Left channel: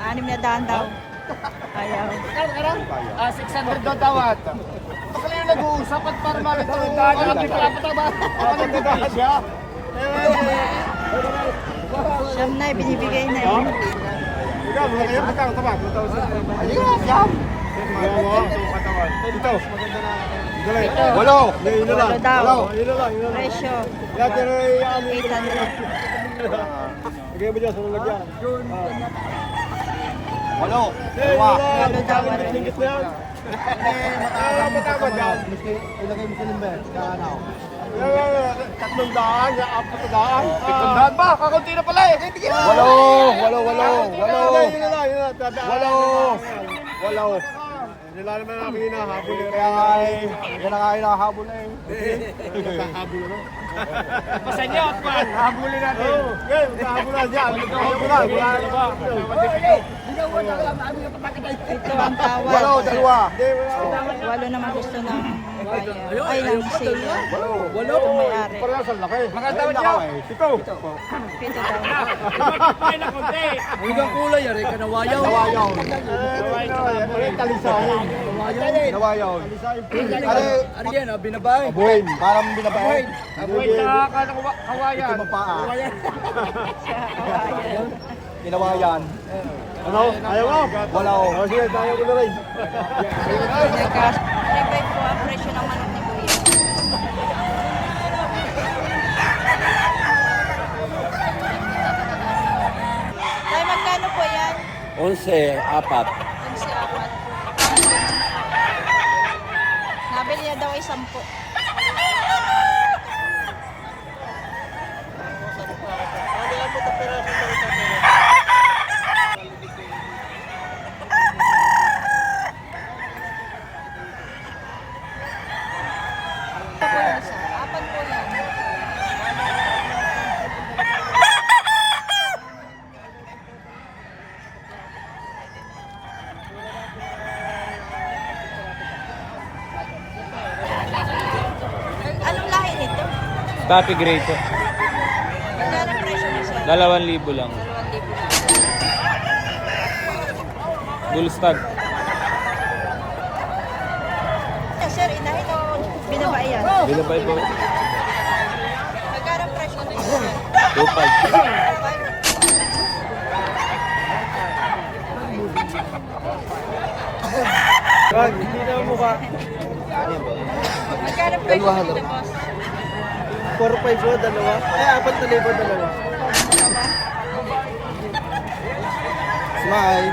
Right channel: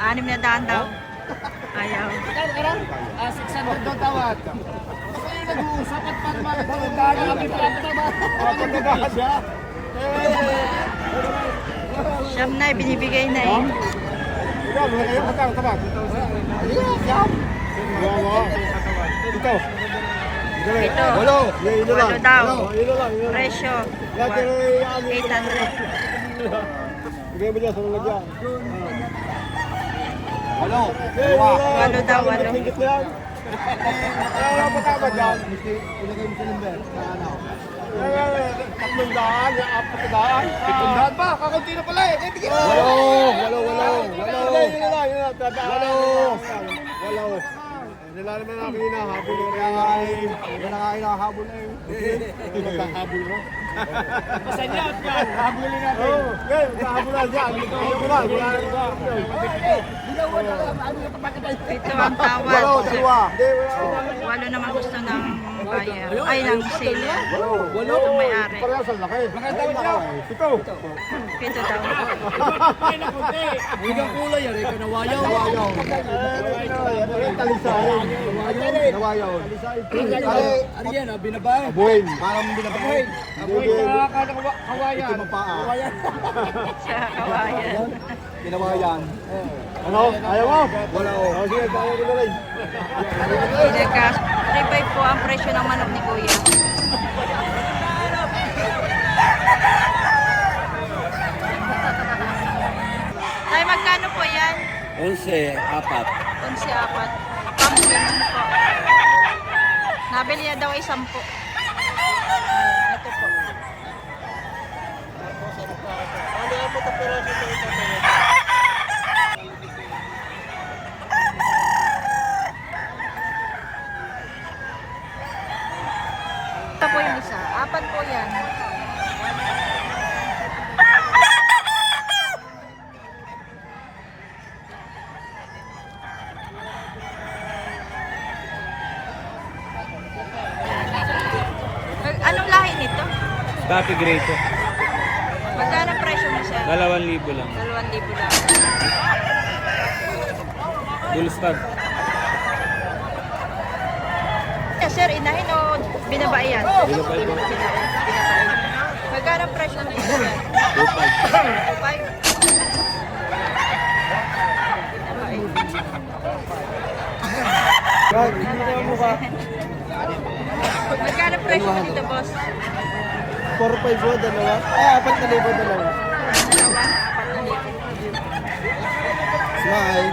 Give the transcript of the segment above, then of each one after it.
Anim na daan daw. Ayaw. 600 daw tawad. Baka kayo nag-uusap at para Siyam na, binibigay na eh. Ito. Ito. Walo. Walo daw. Presyo. 800. Bigay mo dyan, sunod lang dyan. Walo. Walo daw, walo. Matama dyan. Ilagay mo sa limber. Ano? 300, 400. Pa, kakunti na pala eh. Walo. Nila naman ang hinahabol eh. Yan ang hinahabol eh. Magkahabol na. Masanya at yan. Habulin natin. Okay, magkahabol na dyan. Ito ang tawad. Walo, dalawa. Walo naman gusto ng buyer. Ay, ng seller. Itong may-ari. Parang sa laki. Mga tawad dyan. Ito. Pito daw. Ang ibang kulay yan, kanawayaw. Talisahin. Nawayaw. Ano yan, binabay? Abuhin. Parang binabay. Abuhin sa kawayan. Ito mapaa. Sa kawayan. Kinawayan. Ano? Ayaw mo? Wala ko. O sige, tayo ko na rin. Pinagkas. 3.5 po ang presyo ng manok ni Kuya. Ay, magkano po yan? 11, 4. 11.4. Pampunan po. Nabili niya daw ay 10. Ito po. Ito po yung isa. 4 po yan. Anong lahi nito? Coffee grade. Magkano presyo mo siya? 2,000 lang. 2,000 lang. Bull stud. Sir, inahin o binabae yan? Bilabay po. Magkano presyo mo siya? 2,500. 2,500. Hindi na mukha. Magkano presyo mo dito, boss? 4-5 po, dalawa. Ay, 4,000 dalawa. Dalawa? 4,000. Smile.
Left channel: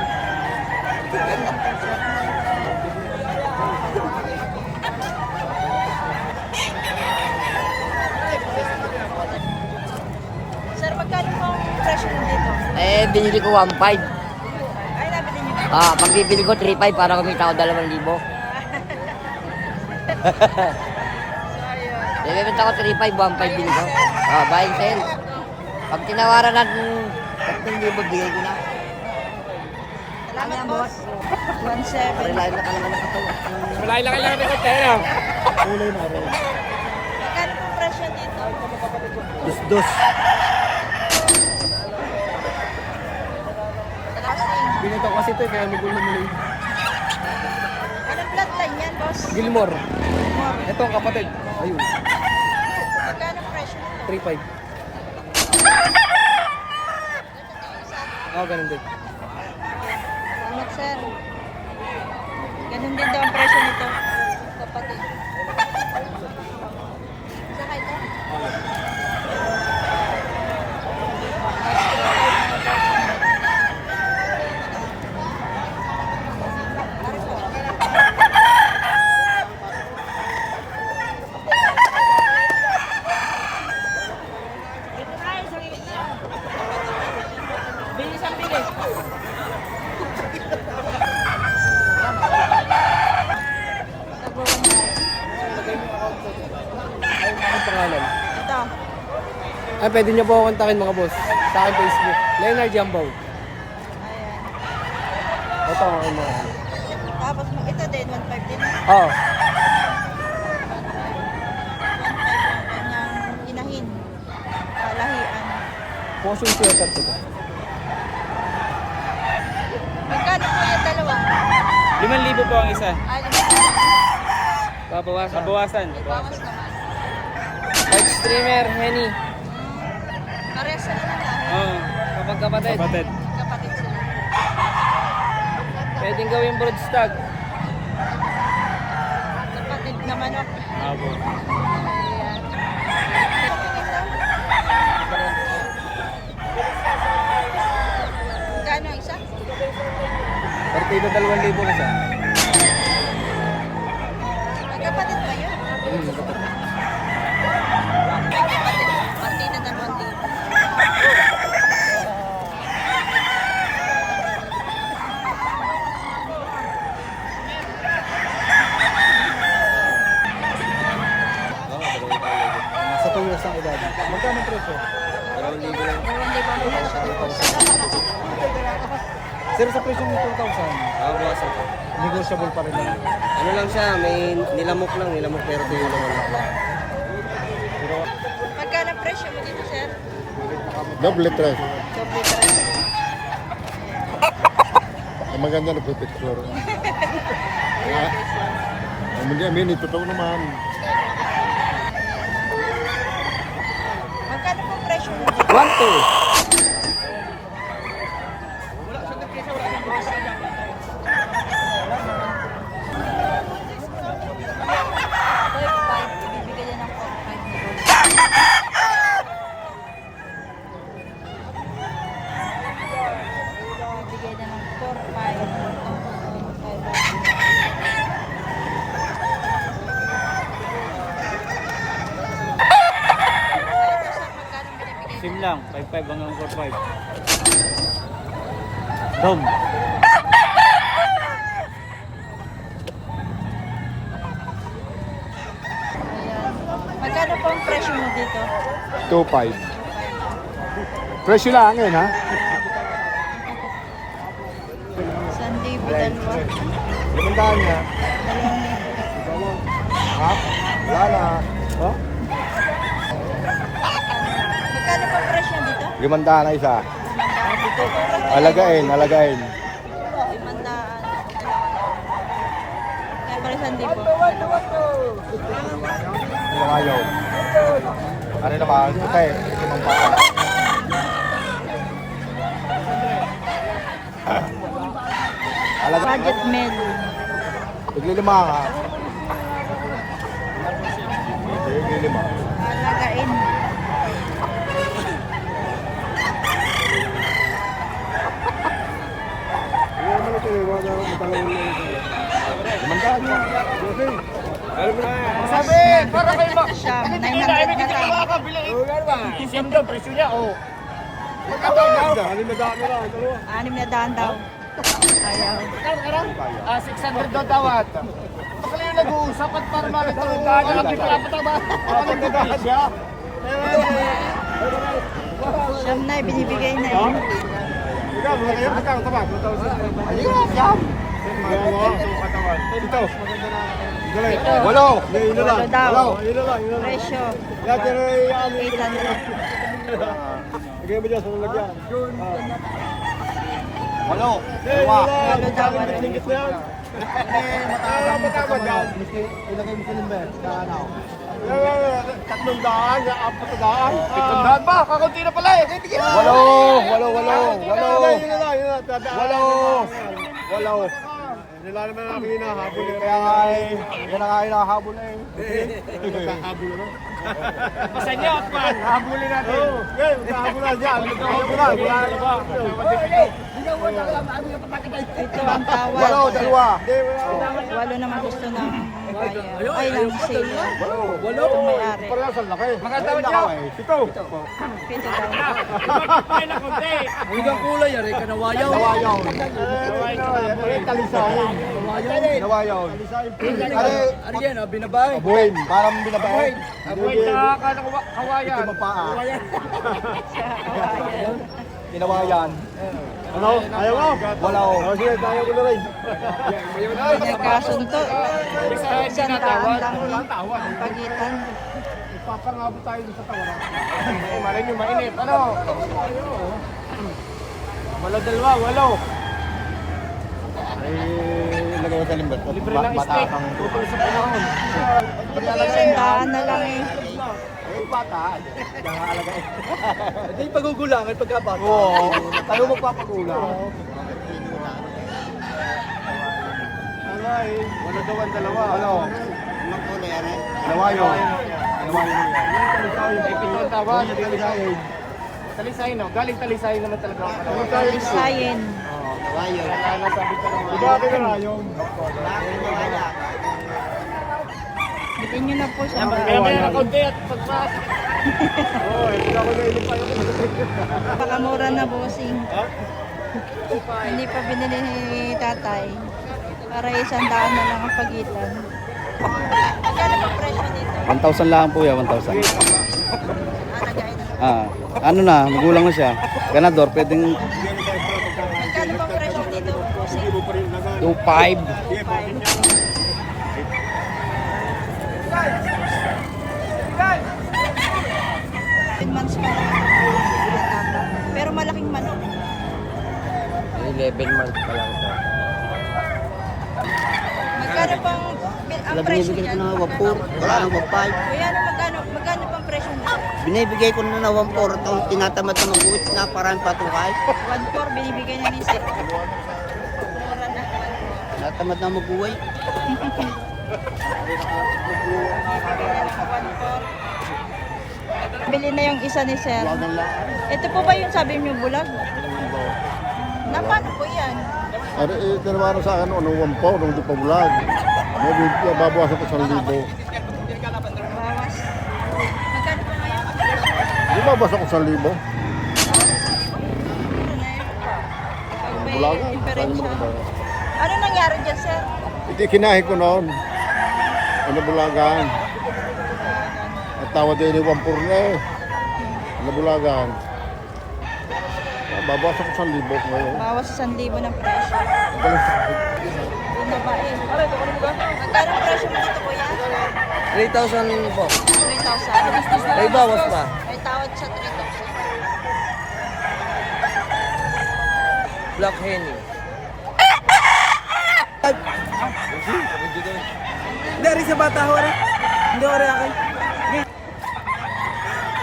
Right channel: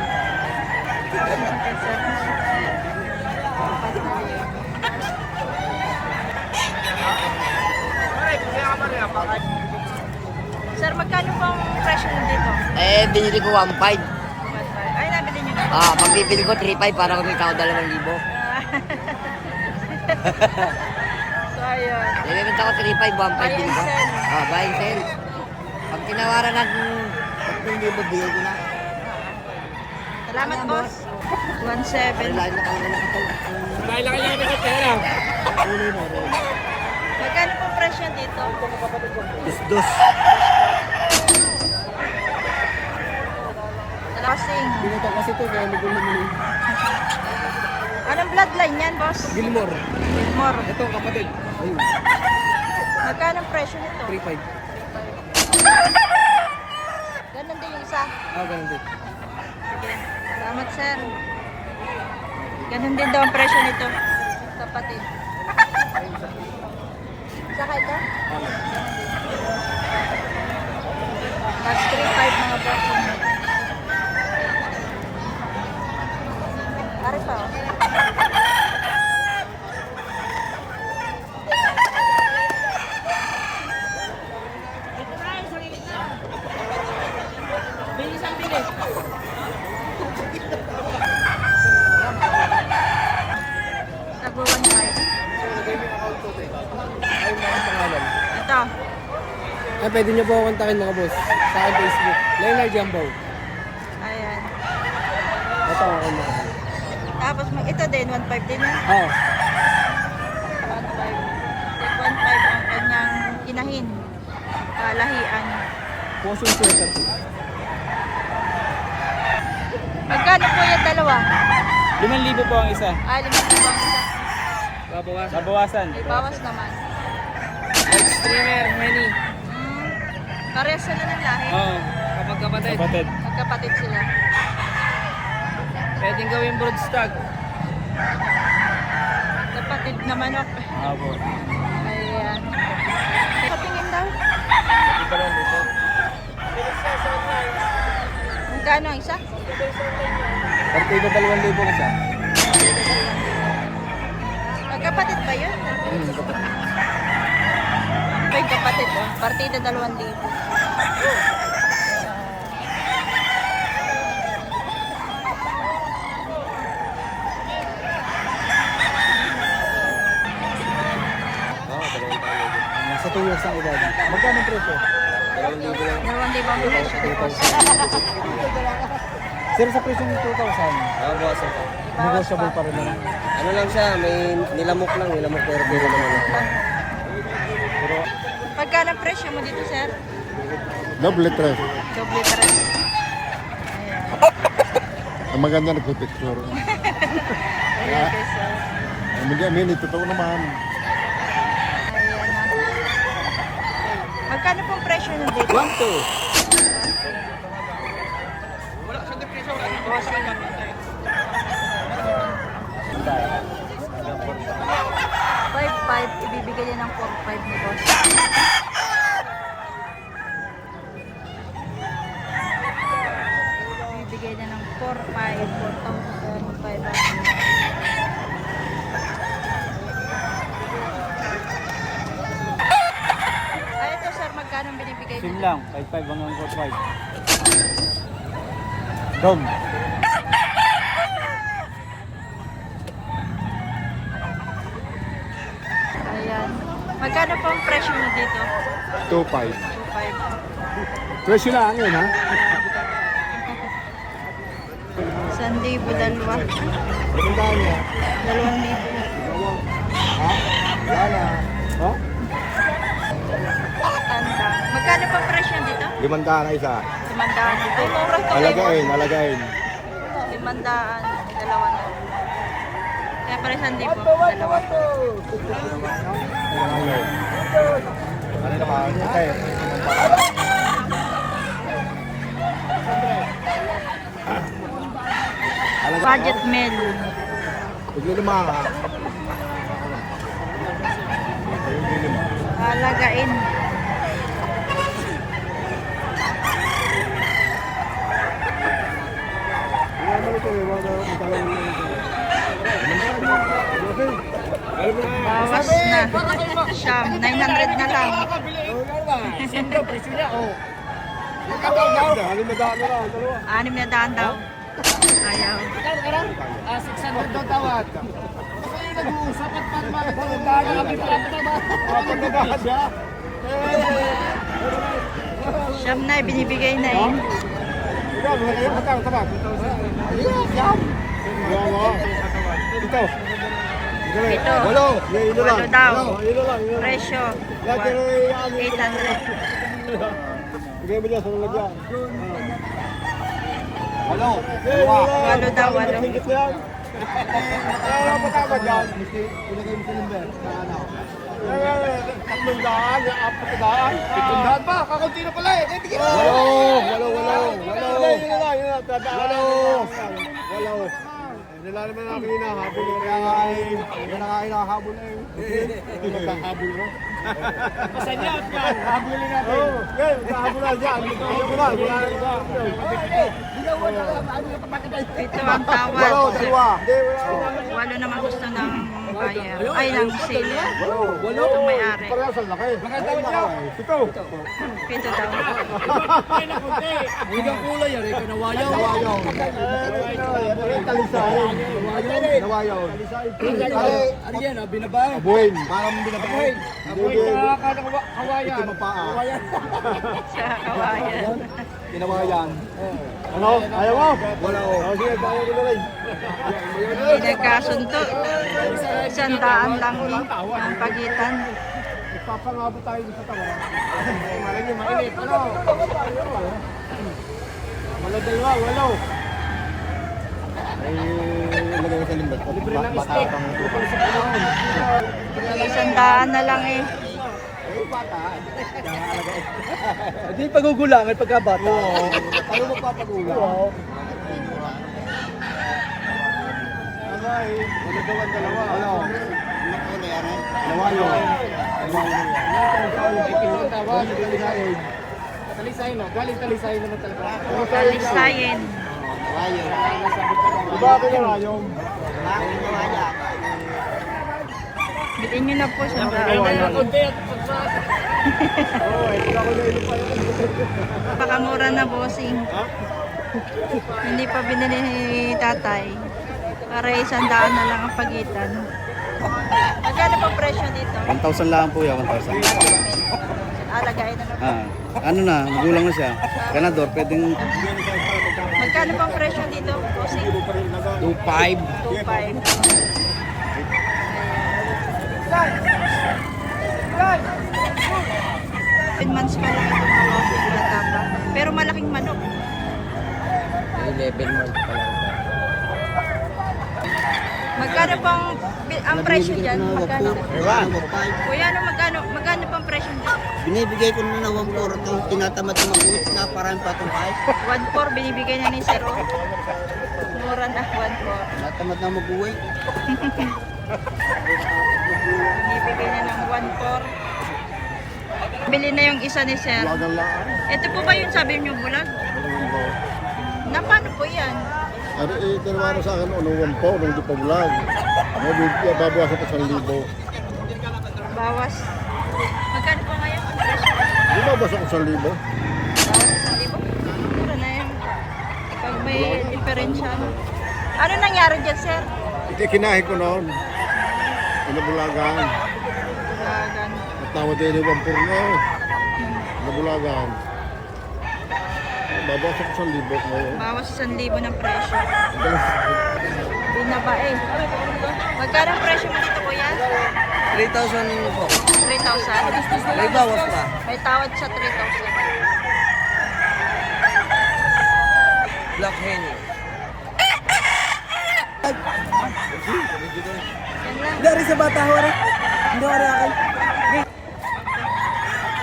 Sir, magkano po ang presyo mo dito? Binili ko 1.5. 1,500. Ay, nabili niyo dito. Pag bibili ko 3.5 para kumita ko 2,000. So, ayun. Bibenta ko 3.5, 1.5 Buy din and ko. sell. Buy and sell. Pag tinawaran natin 3,000, bigay ko na. Salamat, boss. 1,700. Parilain na talaga na ito. Magkano po presyo dito? Dos. Crossing. Binito kasi ito, kaya magulo mo yun. Anong bloodline yan, boss? Gilmore. Gilmore. Ito ang kapatid. Ayun. Magkano presyo nito? 3.5. Ganun din yung isa. Ganun din. Sige. Salamat, sir. Ganun din daw ang presyo nito. Kapatid. Saka ito? Mas 3.5 mga boss. Para sa bilis ang bilis. Nag-1.5. Ito. Ay, pwede niyo po ako kontakin mga boss. Sa akin Facebook. Leonard Jambaw. Ayan. Ito ang akin mga. Tapos ito din, 1.5 din yan. Oo. 1.5 ang kanyang inahin. Lahian. Potion sweater po. Magkano po yung dalawa? 5,000 po ang isa. Ah, 5,000. Babawasan. Babawasan. May bawas naman. Streamer, Henny. Parehas sila ng lahi. Oo. Kapag-kapatid. Kapatid. Kapatid sila. Pwedeng gawin broodstag. Kapatid naman ako. Apo. Ayan. Patingin daw. Magkano ang isa? Partida 2,000 ka siya. Magkapatid ba yun? May kapatid. Partida 2,000. Nasa 2 years ang edad. Magkano presyo? 2,000 lang. 2,000 ang presyo ni boss. Sir, sa presyo ng 2,000. Babawasan pa. Negotiable pa rin naman. Ano lang siya, may nilamok pero tuyo naman. Pero Magkano ang presyo mo dito, sir? Double tres. Doble 3. Ayan. Ang maganda nagpipicture. Ayan, guys. So. Ang maganda, totoo naman. Ayan. Magkano pong presyo nyo dito? 1, 2. Bossing. 5,500. Ibibigay niya ng 4,500 ni boss. Ibibigay niya ng 4,500. Ay, ito sir, magkano binibigay sim niya? lang. 5,500 hanggang 4,500. Dom. Ayan. Magkano po ang presyo mo dito? 2.5. 2,500. Presyo lang yun, ha? 1,000 dalawa. Limandaan niya. 2,000 yan. Ha? Wala na. Oh? Tanda. Magkano po ang presyo dito? Limandaan na isa. 500 dito. Turang to Alagain, alagain. 500, dalawa na. Kaya pala 1,000, dalawa. Ayaw. Ano naman? Ito eh. Limandaan. Alagain. Budget meal. Paglilima ka. Paglilima. Alagain. Iyan mo ito eh. Wala akong matalawin na ito. Limandaan mo. Okay. Alam mo na. Bawas na. Siyam. 900 na lang. Siyam daw, presyo niya, oh. Limandaan na lang. Dalawa. 600 daw. Ayaw. 600 daw tawad. Baka kayo nag-uusap at para makatawag. Apat na daan siya. Siyam na, binibigay na eh. Ikaw, mga kayo, magkano tabat? Ayun, yan. Ito. Ito. Walo. Yun na lang. Walo daw. Yun na lang. Presyo. Lahat yan ay 800. Bigay mo dyan sa lalagyan. Walo. Walo daw, walo. Singkit na yan. Matama dyan. Ilagay mo sa limber. Ano? 300, 400 ba? Kakunti na pala eh. Walo. Walo. Nila naman namin hinahabol eh. Kaya nga hinahabol eh. Magkahabol na. Masanya at man. Habulin natin. Oo, magkahabol na dyan. Magkahabol na. Wala na ba? Ito ang tawad. Walo, dalawa. Hindi, wala. Walo naman gusto ng buyer. Ay, ng seller. Walo. Itong may-ari. Parehas ang laki. Maganda ba siya? Pito. Pito daw. Ang ang kulay, yari ka nawayaw. Nawayaw. Talisahin. Nawayaw. Ano yan, binabay? Abuhin. Parang binabahin. Kawayan. Ito mapaa. Sa kawayan. Kinawayan. Ano? Ayaw mo? Wala ko. O sige, ayaw ko na rin. Nagkasunto. 100 lang ang pagitan. Ipapangabot tayo sa tawaran. Malay nyo, mainit. Ano? Walo dalawa, walo. Lagaw sa limbat. Libre lang Batakang Tutol sa panahon. Isandaan na lang eh. bata. Nakakalaga eh. Hindi pagugulang, may pagkabata. Oo. Tayo magpapagulang. Ano eh. Wala gawan dalawa. Ano? Anong kulay yan eh? Dalawa yun. Dalawa yun. Ito ang tawag. Talisayin. Talisayin, no? Galing talisayin naman talaga. Talisayin. Kawayo. Wala na sabi ka naman. Diba akin na yung? Bakit nawala? Bitin nyo na po siya. Kaya na kaunti at pagpasok. Oo, eh. Pag ako nailipay ako. Pakamura na bossing. Ha? Hindi pa binili ni tatay. Para 100 na lang ang pagitan. Magkano pa presyo dito? 1,000 lang po yan, 1,000. Alagayin na lang. Ano na, magulang na siya. Ganador, pwedeng Magkano pang presyo dito? Bossing? 2,500. 2.5. 10 months pa lang ito mga bossing, bata pa. Pero malaking manok. 11 months pa lang ito. Magkano pang ang presyo dyan? Magkano? Wala nang wapay. Kuya, ano magkano pang presyo dyan? Binibigay ko na 1,400. Ito tinatamad na mag-uwit na parang patungkay. 1.4 binibigay na ni Sir. Oh. Mura na 1.4. Natamad na mag-uwi. Binibigay na ng 1.4. Bili na yung isa ni Sir. Wagang laan. Ito po ba yung sabi niyo bulag? Na paano po yan? Ano eh, tinawaran sa akin, ano, 1 po, nung di pa vlog. Babawas ako 1,000. Bawas. Magkano po ngayon? Ang presyo? Di babawas ako 1,000. Mura na yun. Pag may diferensya. Ano nangyari dyan, Sir? Hindi kinahin ko noon. Ano bulagan. Bulagan. At tawad din yung 1,400 na eh. Ano bulagan. Babawas ako 1,000 ngayon. Bawas 1,000 ng presyo. Hindi na ba eh. Magkano ang presyo mo dito, kuya? 3,000 po. 3,000. May bawas pa. May tawad sa 3,000. Black Henny. Dari sa bata ho rin. Hindi ko rin akin.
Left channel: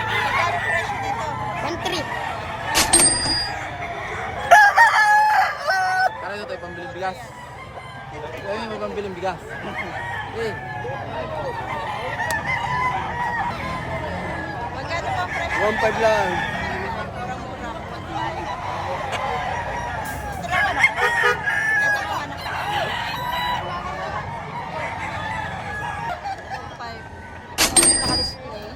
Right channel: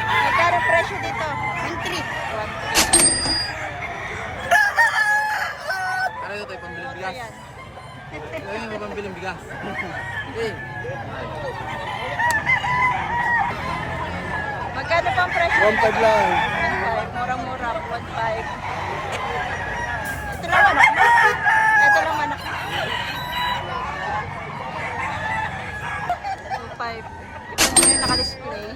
Magkano ang presyo dito? 1,300. Kaya ito, pambiling bigas. Ayun, may pambiling bigas. Magkano pa ang presyo? 1,500 lang. 1,500. Mura-mura. 1,500. Ito lang manok mo. Ito lang manok mo. 2,500. Ito yung naka-display.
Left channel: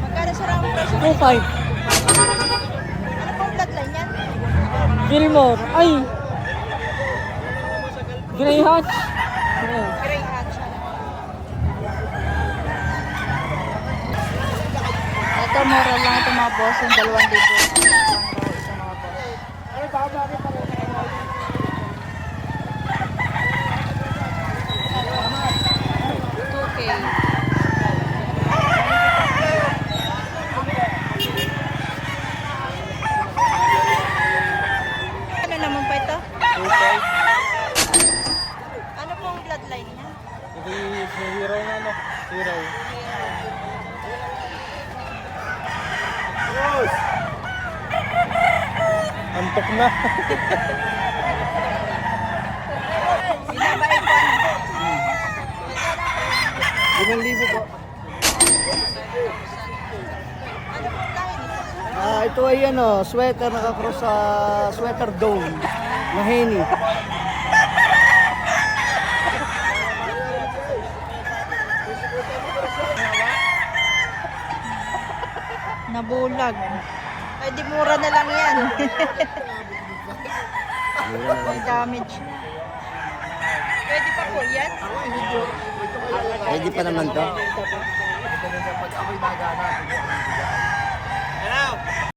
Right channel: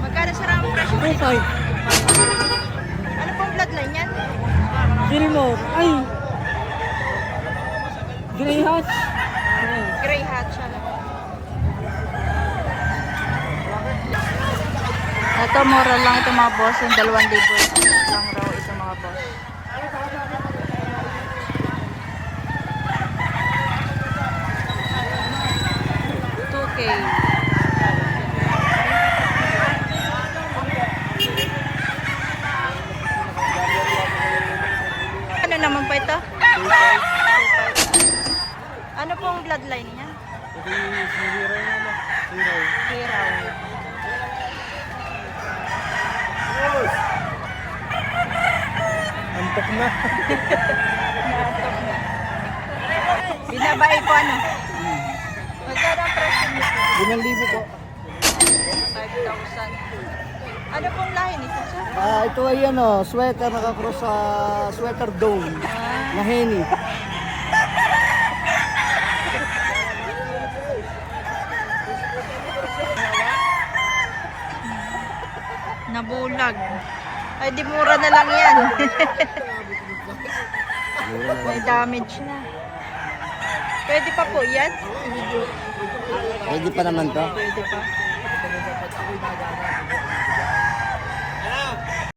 Magkano sila ang presyo? 2,500. Ano pong bloodline yan? Pilmot. Ay! Grey Hatch. Grey hatch. Ito, mura lang ito mga boss. Yung 2,000 lang raw ito mga boss. $2,000. Ano naman pa ito? Ano pong bloodline niya? Hiraw. Antok na. Binabae ko ano? Magkano ang presyo nito? 5,000 po. 5,000. Ano pong lahi nito? Ito ay ano, sweater nakakross sa sweater dome na Henny. Nabulag. Ay, di mura na lang yan. May damage na. Pwede pa po yan? Pwede pa naman to. Pag ako'y nagana,